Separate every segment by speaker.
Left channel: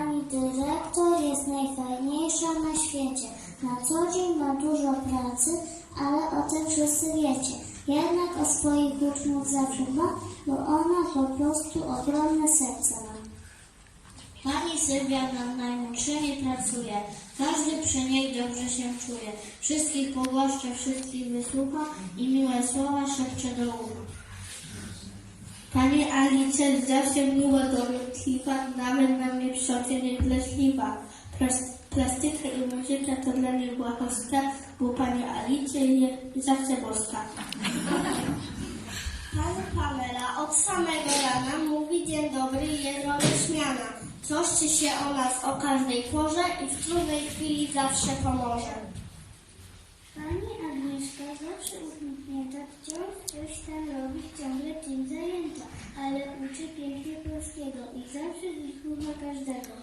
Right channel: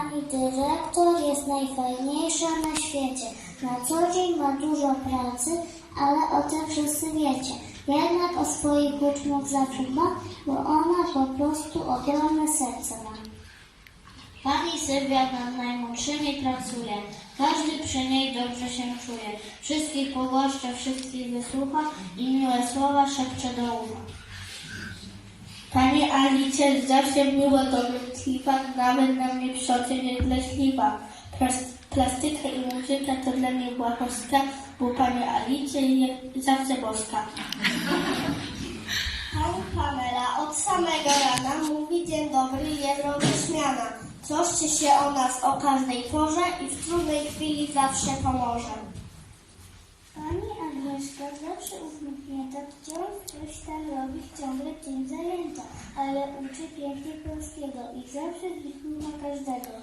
Speaker 1: Pani dyrektor jest najfajniejsza na świecie. Na co dzień ma dużo pracy, ale o tym wszyscy wiecie. Jednak o swoich uczniów zawsze bo ona po prostu ogromne serce ma.
Speaker 2: Pani Sylwia nad najmłodszymi pracuje. Każdy przy niej dobrze się czuje. Wszystkich pogłaszcza, wszystkich wysłucha i miłe słowa szepcze do ucha. Pani Alicja zawsze była dowitliwa, nawet na mnie przeocznie wleśliwa. Plastyka i muzyka to dla niej była boska, bo pani Alicja zawsze boska.
Speaker 3: Pani Pamela od samego rana mówi dzień dobry i jest roześmiana. Troszczy się o nas o każdej porze i w trudnej chwili zawsze pomoże.
Speaker 1: Pani Agnieszka zawsze uśmiechnięta, wciąż coś tam robi, ciągle tym zajęta, ale uczy pięknie polskiego i zawsze wysłucha każdego.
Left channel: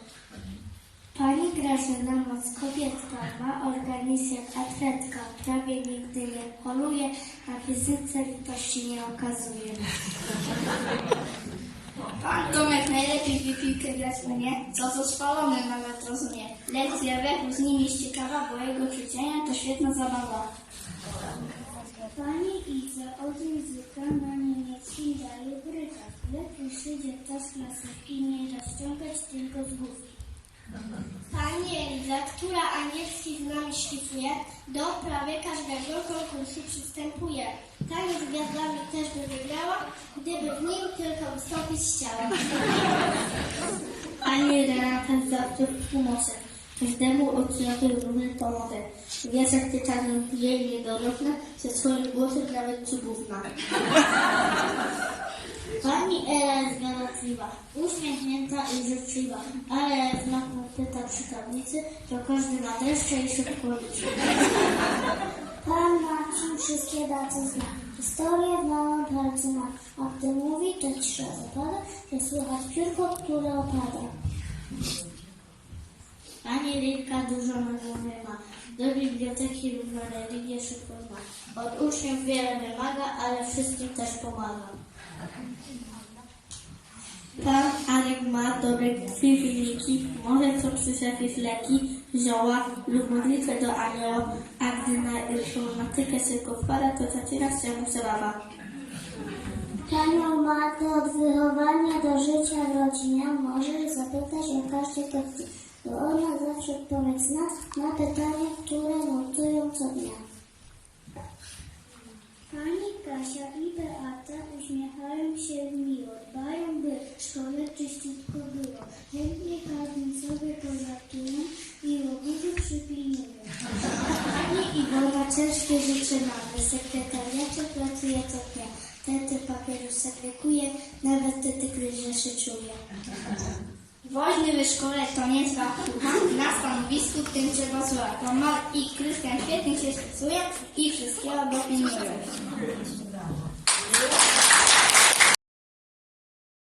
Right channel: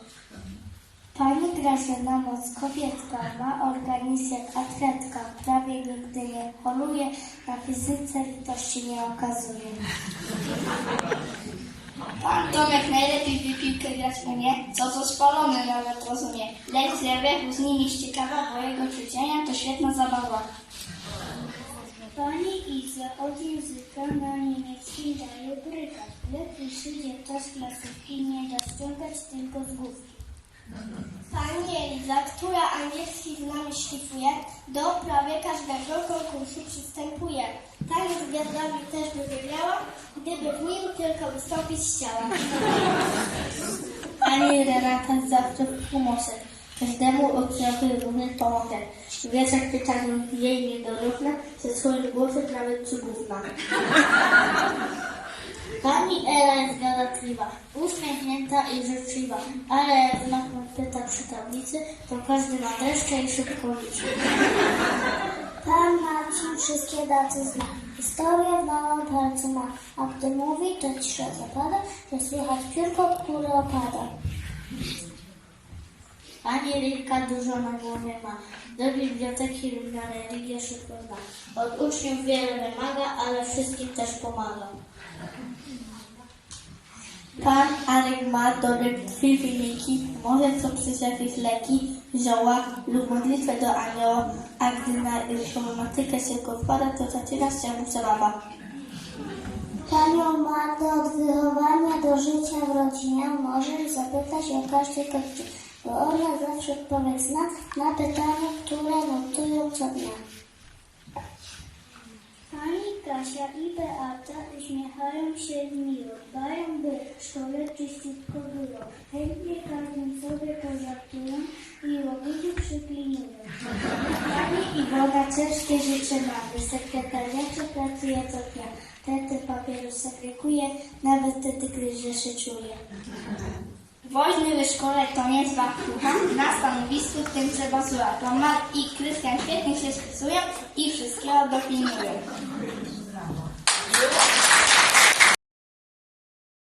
Speaker 1: Pani Grażyna moc kobietka, ma organizm jak atletka, prawie nigdy nie choruje, na fizyce litości nie okazuje.
Speaker 3: Pan Tomek najlepiej w piłkę grać umie, co co spalony nawet rozumie. Lek z lewego z nimi ściekawa, bo jego ćwiczenia to świetna zabawa.
Speaker 1: Pani Iza od języka na niemieckim daje brykać. Gdy przyjdzie ktoś z klasówki, nie da ściągać tylko z główki.
Speaker 3: Angielski z nami szlifuje, do prawie każdego konkursu przystępuje. Tak z gwiazdami też by wygrała, gdyby w nim tylko wystąpić chciała.
Speaker 2: Pani Renata zawsze w pomocy. Każdemu odciąży równy pomogę. Wieszak pytaniu jej niedorówna, ze swoim głosem nawet cudowna. Pani Ela jest galatliwa, uśmiechnięta i życzliwa, ale jak na pyta przy tablicy, to każdy ma dreszcze i szybko liczy.
Speaker 1: Pan Marcin wszystkie daty zna. Historię w małym ma, a gdy mówi, to cisza zapada, że słychać piórko, które opada.
Speaker 2: Pani Rybka dużo na głowie ma. Do biblioteki lubianej Ligie szybko zna. Od uczniów wiele wymaga, ale wszystkim też pomaga. Pan Arek ma dobre krwi wyniki, może co przez jakieś leki, zioła lub modlitwę do anioła, a gdy na informatykę się wpada, to zaczyna się mu zabawa.
Speaker 1: Panią Martę od wychowania do życia w rodzinie możesz zapytać o każdy gości, bo ona zawsze odpowiedź zna na pytania, które notują co dnia. Pani Kasia i Beata uśmiechają się miło, dbają by w szkole czyściutko było. Chętnie każdym sobie pożartują i łobuzy przypilnują. Pani Iwona ciężkie życie ma, w sekretariacie pracuje co dnia. Tety papieru segreguje, nawet wtedy, gdy się czuje.
Speaker 3: Woźny w szkole to niezła chlucha, na stanowisku tym słuchać. No Mat i Krystian świetnie się spisują i wszystkiego dopilnują.